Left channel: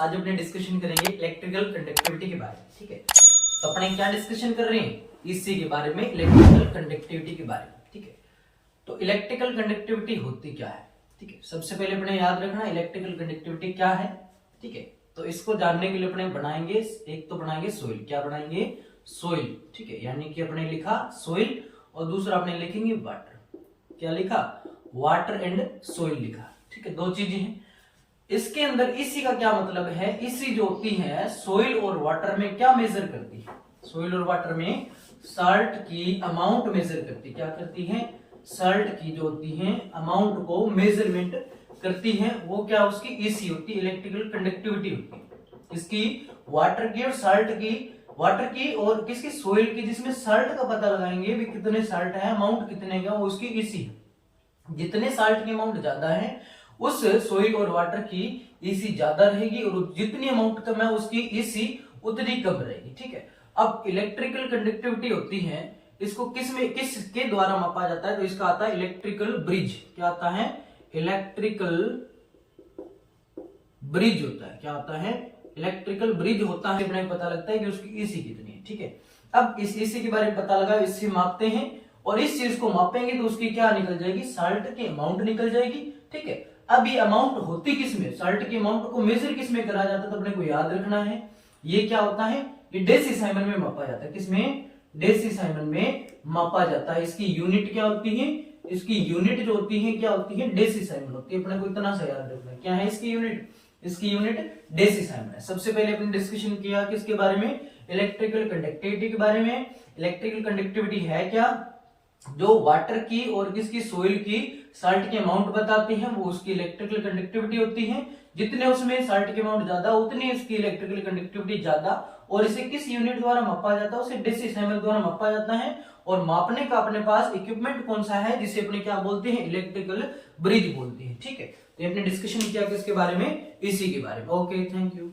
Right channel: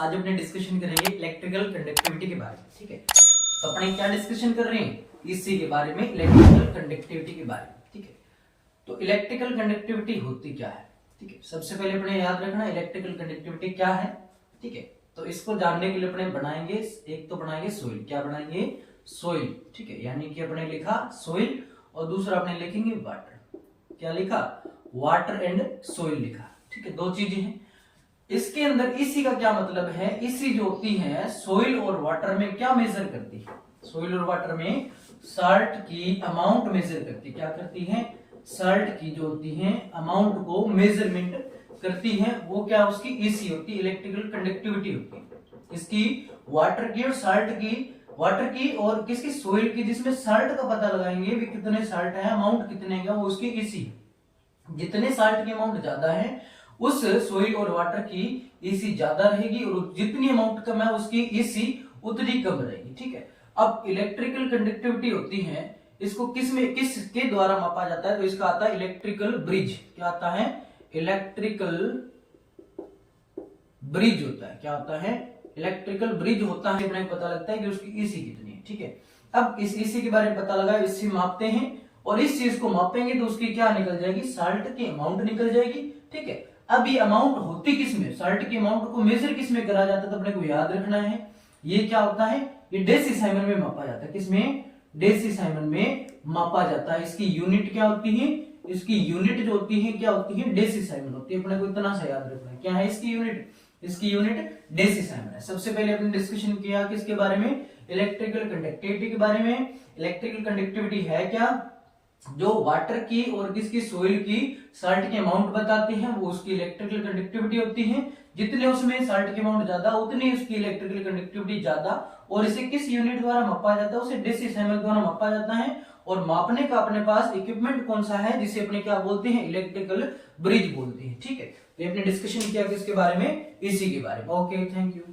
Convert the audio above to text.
आज अपने डिस्कशन करेंगे इलेक्ट्रिकल कंडक्टिविटी के बारे में। ठीक है, तो अपने क्या डिस्कशन कर रहे हैं, इसी के बारे में, इलेक्ट्रिकल कंडक्टिविटी के बारे में। ठीक है, तो इलेक्ट्रिकल कंडक्टिविटी होती क्या है। ठीक है, सबसे पहले अपने याद रखना इलेक्ट्रिकल कंडक्टिविटी क्या है। ठीक है, तो इसको जानने के लिए अपने बनाएंगे, एक तो बनाएंगे सोइल। क्या बनाएंगे, सोइल। ठीक है, यानी कि अपने लिखा सोइल और दूसरा अपने लिखेंगे वाटर। क्या लिखा, वाटर एंड सोइल लिखा। ठीक है, दो चीजें हैं इसके अंदर। इसी का क्या मतलब है, इसी जो होती है सोइल और वाटर में क्या मेजर करती है, सोइल और वाटर में साल्ट की अमाउंट मेजर करती है। क्या करती है, साल्ट की जो होती है अमाउंट को मेजरमेंट करती है। वो क्या उसकी ईसी होती है, इलेक्ट्रिकल कंडक्टिविटी होती है। इसकी वाटर की और साल्ट की, वाटर की और किसकी, सोइल की, जिसमें साल्ट का पता लगाएंगे भी कितने साल्ट है, अमाउंट कितने का, वो उसकी ईसी। जितने साल्ट की अमाउंट ज्यादा है उस सोइल और वाटर की ईसी ज्यादा रहेगी और जितनी अमाउंट कम है उसकी ईसी उतनी कम रहेगी। ठीक है, अब इलेक्ट्रिकल कंडक्टिविटी होती है, इसको किसके द्वारा मापा जाता है, तो इसका आता है इलेक्ट्रिकल ब्रिज। क्या आता है, इलेक्ट्रिकल ब्रिज होता है। क्या होता है, इलेक्ट्रिकल ब्रिज होता है। अपने पता लगता है कि उसकी ईसी कितनी है। ठीक है, अब इस ईसी के बारे में पता लगा, इससे मापते हैं और इस चीज को मापेंगे तो उसकी क्या निकल जाएगी, साल्ट की अमाउंट निकल जाएगी। ठीक है, अब ये अमाउंट होती किसमें, साल्ट की अमाउंट को मेजर किसमें करा जाता है, तो अपने को याद रखना है ये क्या होता है, ये डेसिसाइमन में मापा जाता है। किसमें, डेसिसाइमन में मापा जाता है। इसकी यूनिट क्या होती है, इसकी यूनिट जो होती है क्या होती है, डेसिसाइमन होती है। अपने को इतना सा याद रखना है, क्या है इसकी यूनिट, इसकी यूनिट डेसिसाइमन है। सबसे पहले अपने डिस्कशन किया किसके बारे में, इलेक्ट्रिकल कंडक्टिविटी के बारे में। इलेक्ट्रिकल कंडक्टिविटी है क्या, जो वाटर की और किसकी, सोइल की साल्ट की अमाउंट बताती है, वो उसकी इलेक्ट्रिकल कंडक्टिविटी होती है। जितने उसमें साल्ट की अमाउंट ज्यादा उतनी उसकी इलेक्ट्रिकल कंडक्टिविटी ज्यादा। और इसे किस यूनिट द्वारा मापा जाता है, उसे डेसिसाइमन द्वारा मापा जाता है। और मापने का अपने पास इक्विपमेंट कौन सा है, जिसे अपने क्या बोलते हैं, इलेक्ट्रिकल ब्रिज बोलते हैं। ठीक है, तो अपने डिस्कशन किया किसके बारे में, इसी के बारे में। Okay, thank you.